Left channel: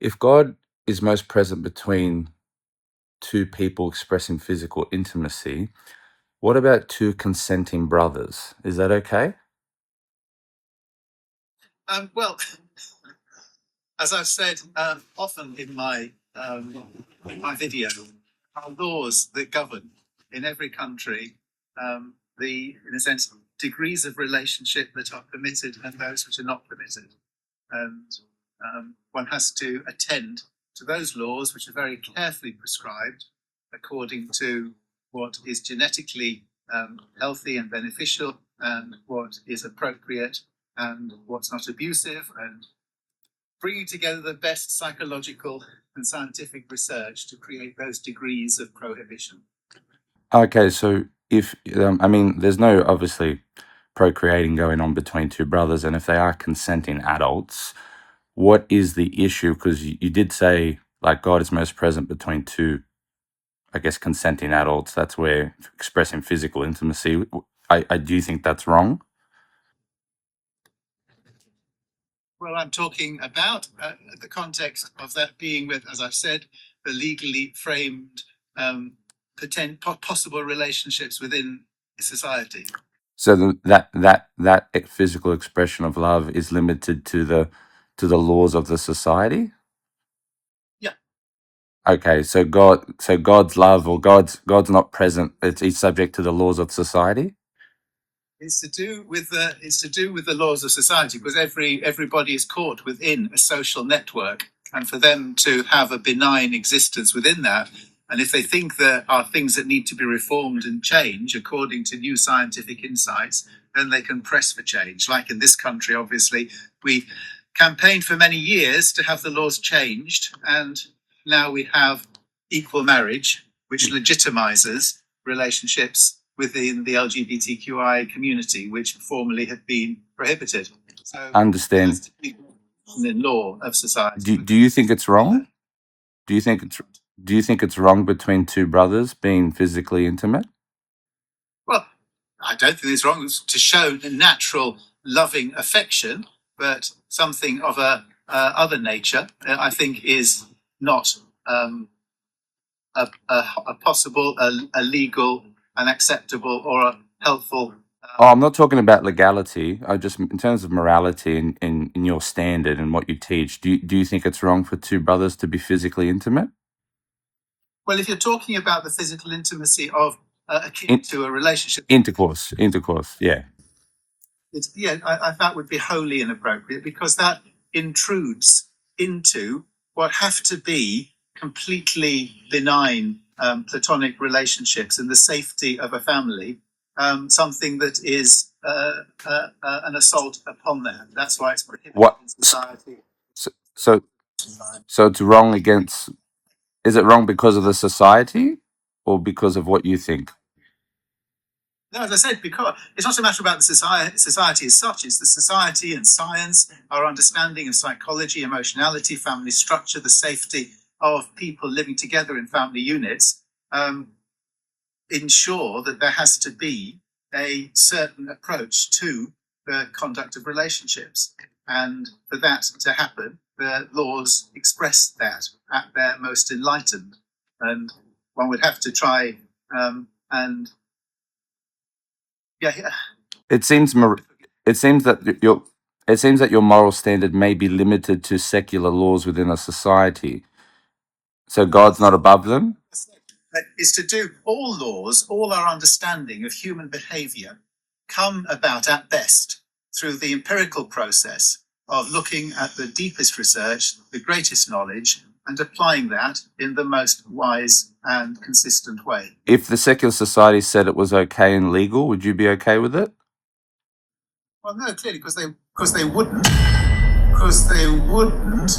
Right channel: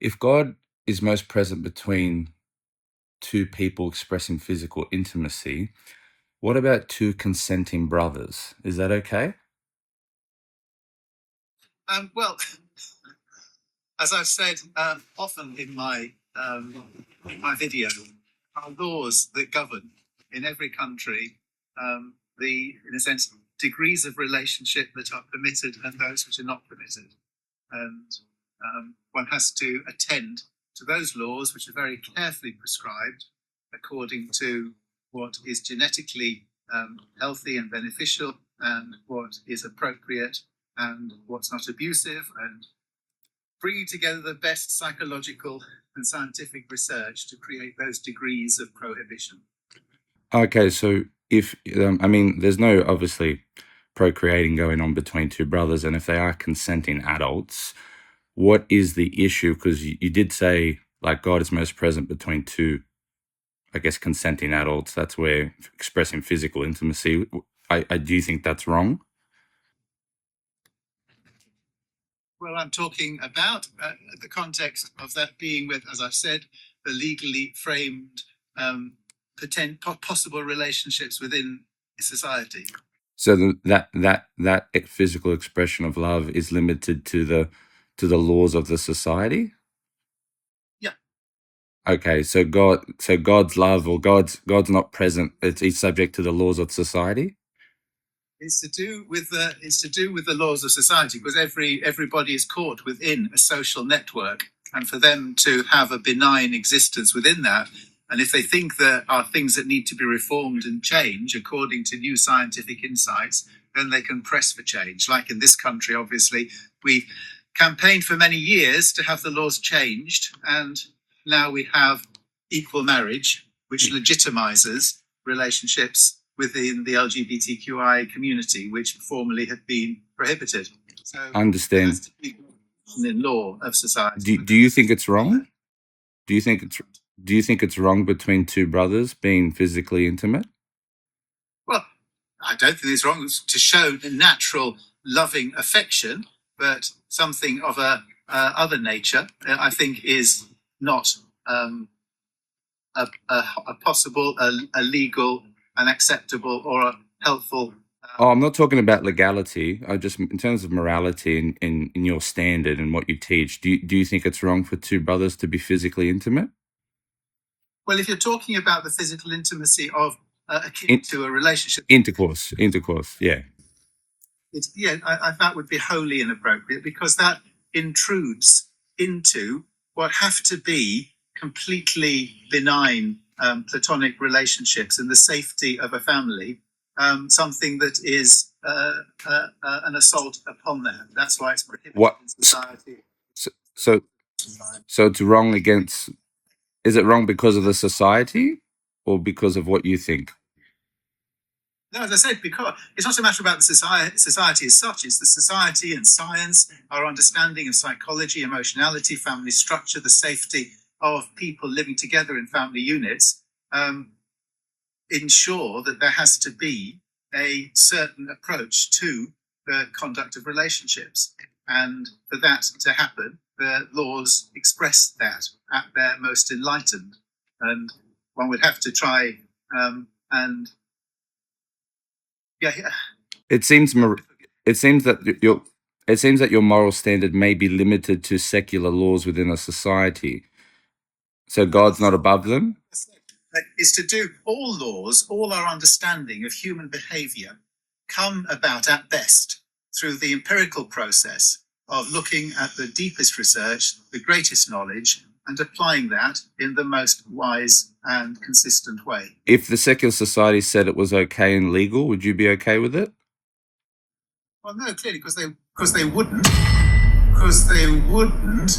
If God is most present between two people expressing physical intimacy, what about two consenting brothers? Is that okay? Well, as I've said often in my video, are laws that govern in every country in a sense, degrees of relationship that are permitted and those which are not permitted. And one has to attend to those laws, which are very carefully prescribed according to what is genetically healthy and beneficial, and what is appropriate and what's not abusive, and bringing together the best psychological and scientific research to create those degrees of prohibition. Okay, so if, there's no obviously procreating going on between two brothers, and if they are consenting adults, what is the issue? Because you did say, like, God is most present between two, I guess, consenting adults. That's where expressing physical intimacy. I do think that's wrong. Well, I'm talking about the context of that being with, as I've said, the legally framed possible relationships within society. So that physical expression of love is limited to the laws of the society. Yeah. Okay, so God's love, or God's not present. It's subject to the laws of society. It's to do with the laws of society, because everybody is caught within a social network, and for them to have a benign existence within that, and if they think there are things that need to be reformed and change according to new scientific insights, then they can press for change. Like in this country, obviously, we campaigned for many years to have the laws changed, and now we have equal marriage, which legitimizes relationships within the LGBTQI community, which formerly had been prohibited. So I understand. The law of society. Do you think it's wrong? Do you think it's wrong between two brothers being physically intimate? Well, I don't think it's wrong to show the natural loving affection, but something of a other nature, I think, is not a possible, a legal, an acceptable, or a helpful. I'm not talking about legality. I just, in terms of morality in your standard and what you teach, do you think it's wrong for two brothers to be physically intimate? Well, if you're talking about the physical intimacy of akin to a relationship, intercourse, yeah. That would be wholly inappropriate, because that intrudes into what have to be completely benign platonic relationships and the safety of a family, something that is an assault upon that. That's why it's prohibited in society. So it's wrong against. Is it wrong because of the society, or because of what you think? No, as I said, because it's not a matter about the society as such. It's the society and science, our understanding of psychology, emotionality, family structure, the safety of people living together in family units, ensure that there has to be a certain approach to the conduct of relationships. And for that to happen, the laws express that at their most enlightened. And one would have to try It seems that your moral standard may be limited to secular laws within a society. So God's not above them? Is to do all laws, all our understanding of human behavior come about at best through the empirical process of looking at the deepest research, the greatest knowledge, and applying that in the most wise and consistent way. If the secular society said it was okay and legal, would you be okay with it? Well, no, clearly, because they wouldn't. Because they wouldn't